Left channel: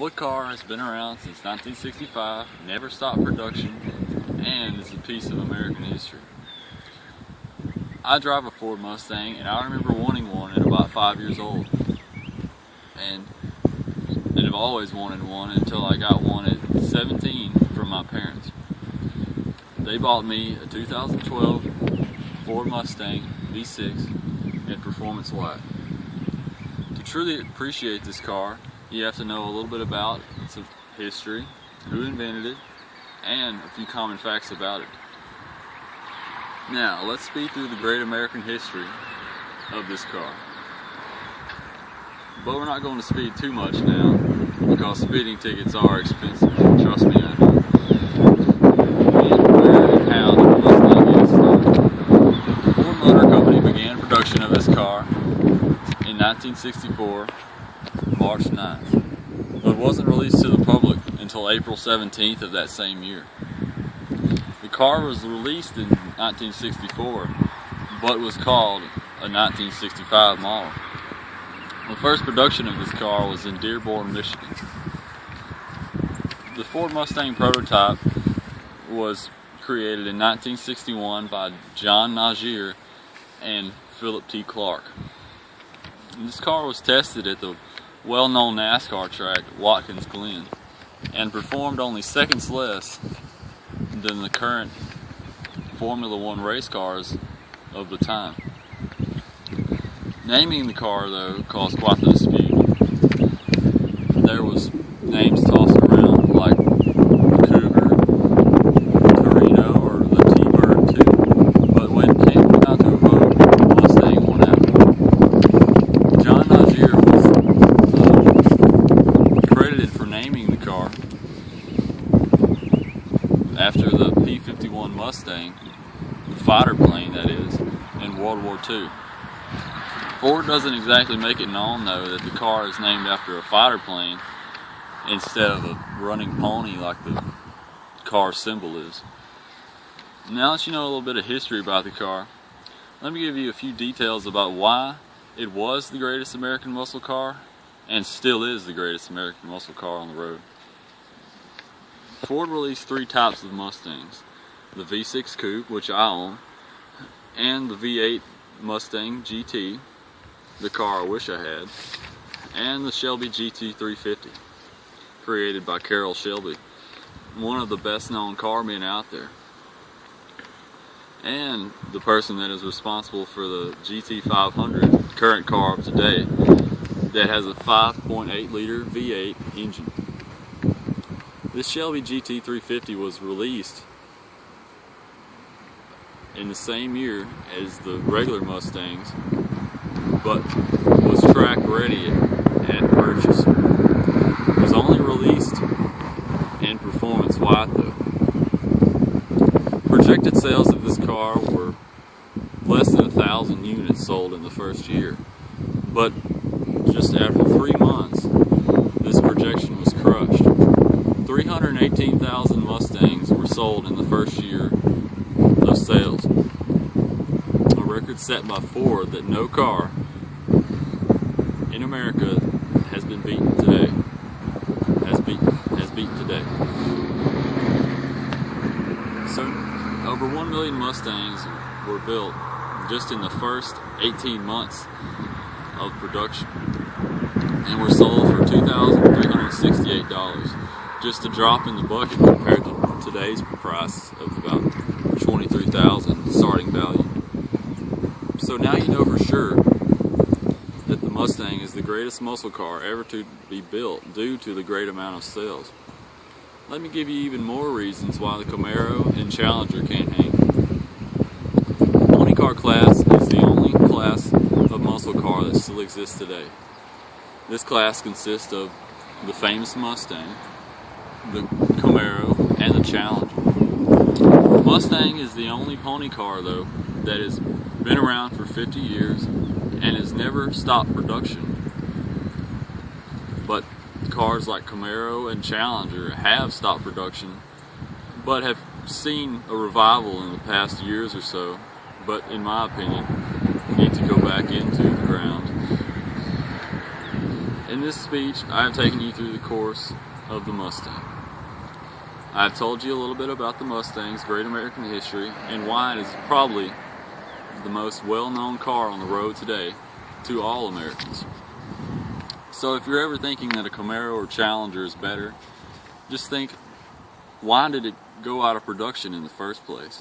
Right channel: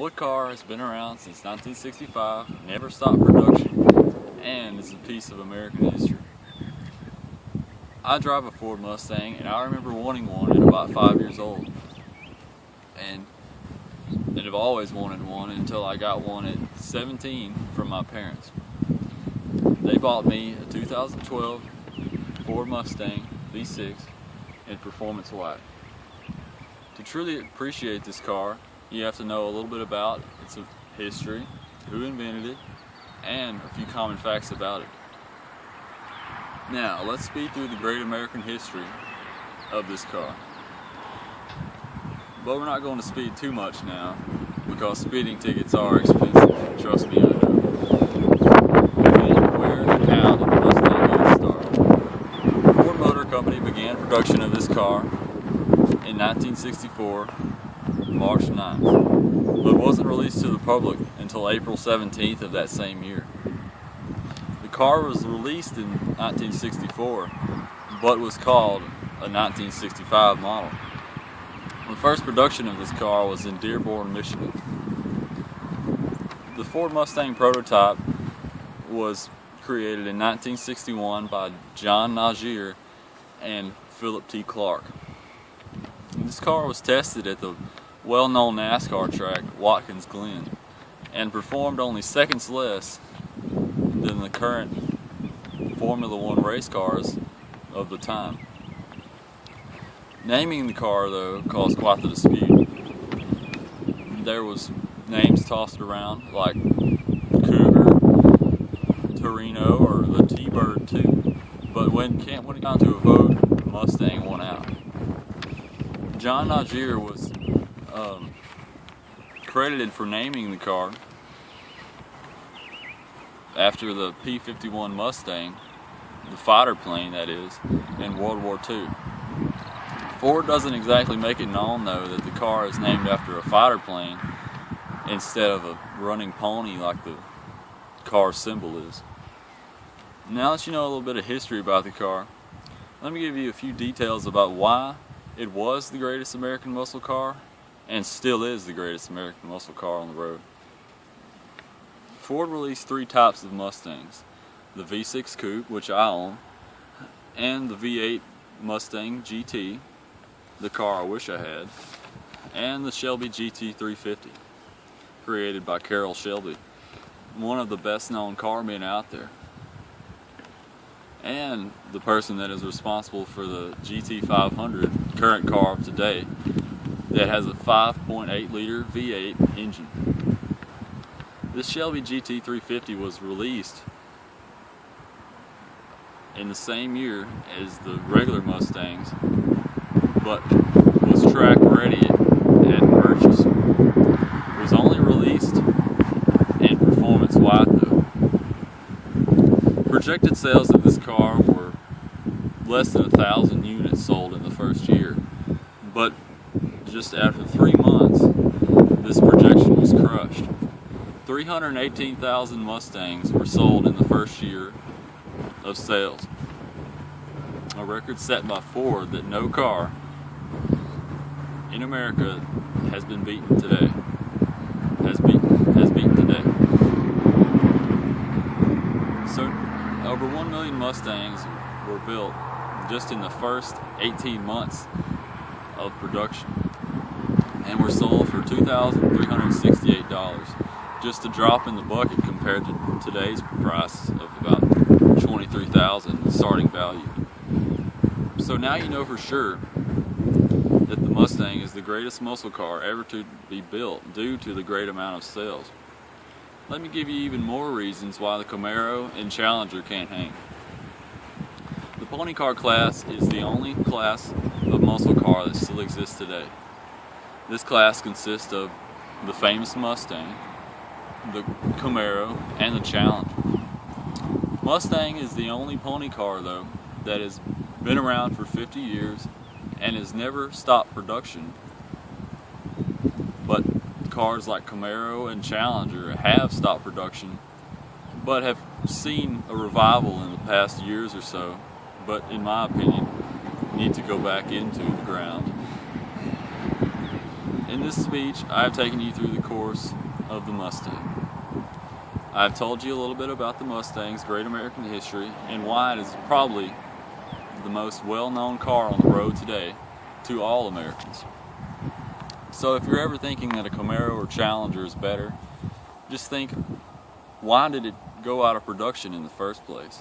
What car has been around since 1965, never stopped production, and is a piece of American history? I drive a Ford Mustang, and I remember wanting one at about 5 years old. And I've always wanted one until I got one at 17 from my parents. They bought me a 2012 Ford Mustang V6 in Performance White. To truly appreciate this car, you have to know a little bit about its history, who invented it, and a few common facts about it. Now, let's speed through the great American history of this car. But we're not going to speed too much now, because speeding tickets are expensive. Trust me, I know. Where and how the Mustang got started. Ford Motor Company began production of this car in 1964, March 9th, but wasn't released to the public until April 17th of that same year. The car was released in 1964, but was called a 1965 model. The first production of this car was in Dearborn, Michigan. The Ford Mustang prototype was created in 1961 by John Nagier and Philip T. Clark. And this car was tested at the well-known NASCAR track, Watkins Glen, and performed only seconds less than the current Formula One race cars of the time. Naming the car, though, caused quite the dispute. There was names tossed around like Cougar, Torino, or the T-Bird too, but when it came down to a vote, Mustang won out. John Nagier was credited for naming the car after the P-51 Mustang, the fighter plane that is, in World War II. Ford doesn't exactly make it known, though, that the car is named after a fighter plane instead of a running pony like the car symbol is. Now that you know a little bit of history about the car, let me give you a few details about why it was the greatest American muscle car and still is the greatest American muscle car on the road. Ford released three types of Mustangs: the V6 Coupe, which I own, and the V8 Mustang GT, the car I wish I had, and the Shelby GT350, created by Carroll Shelby, one of the best known carmen out there, and the person that is responsible for the GT500, current car of today, that has a 5.8 liter V8 engine. This Shelby GT350 was released in the same year as the regular Mustangs, but was track ready at purchase. It was only released in Performance White though. Projected sales of this car were less than 1,000 units sold in the first year, but just after 3 months, this projection was crushed. 318,000 Mustangs were sold in the first year of sales, a record set by Ford that no car in America has been beaten today. Has beaten today. So, over 1 million Mustangs were built just in the first 18 months of production, and were sold for $2,368. Just a drop in the bucket compared to today's price of about $23,000 starting value. So now you know for sure that the Mustang is the greatest muscle car ever to be built due to the great amount of sales. Let me give you even more reasons why the Camaro and Challenger can't hang. The pony car class is the only class of muscle car that still exists today. This class consists of the famous Mustang, the Camaro, and the Challenger. The Mustang is the only pony car, though, that has been around for 50 years and has never stopped production. But cars like Camaro and Challenger have stopped production, but have seen a revival in the past years or so, but in my opinion, need to go back into the ground. In this speech, I have taken you through the course of the Mustang. I've told you a little bit about the Mustang's great American history and why it is probably the most well-known car on the road today to all Americans. So if you're ever thinking that a Camaro or Challenger is better, just think, why did it go out of production in the first place?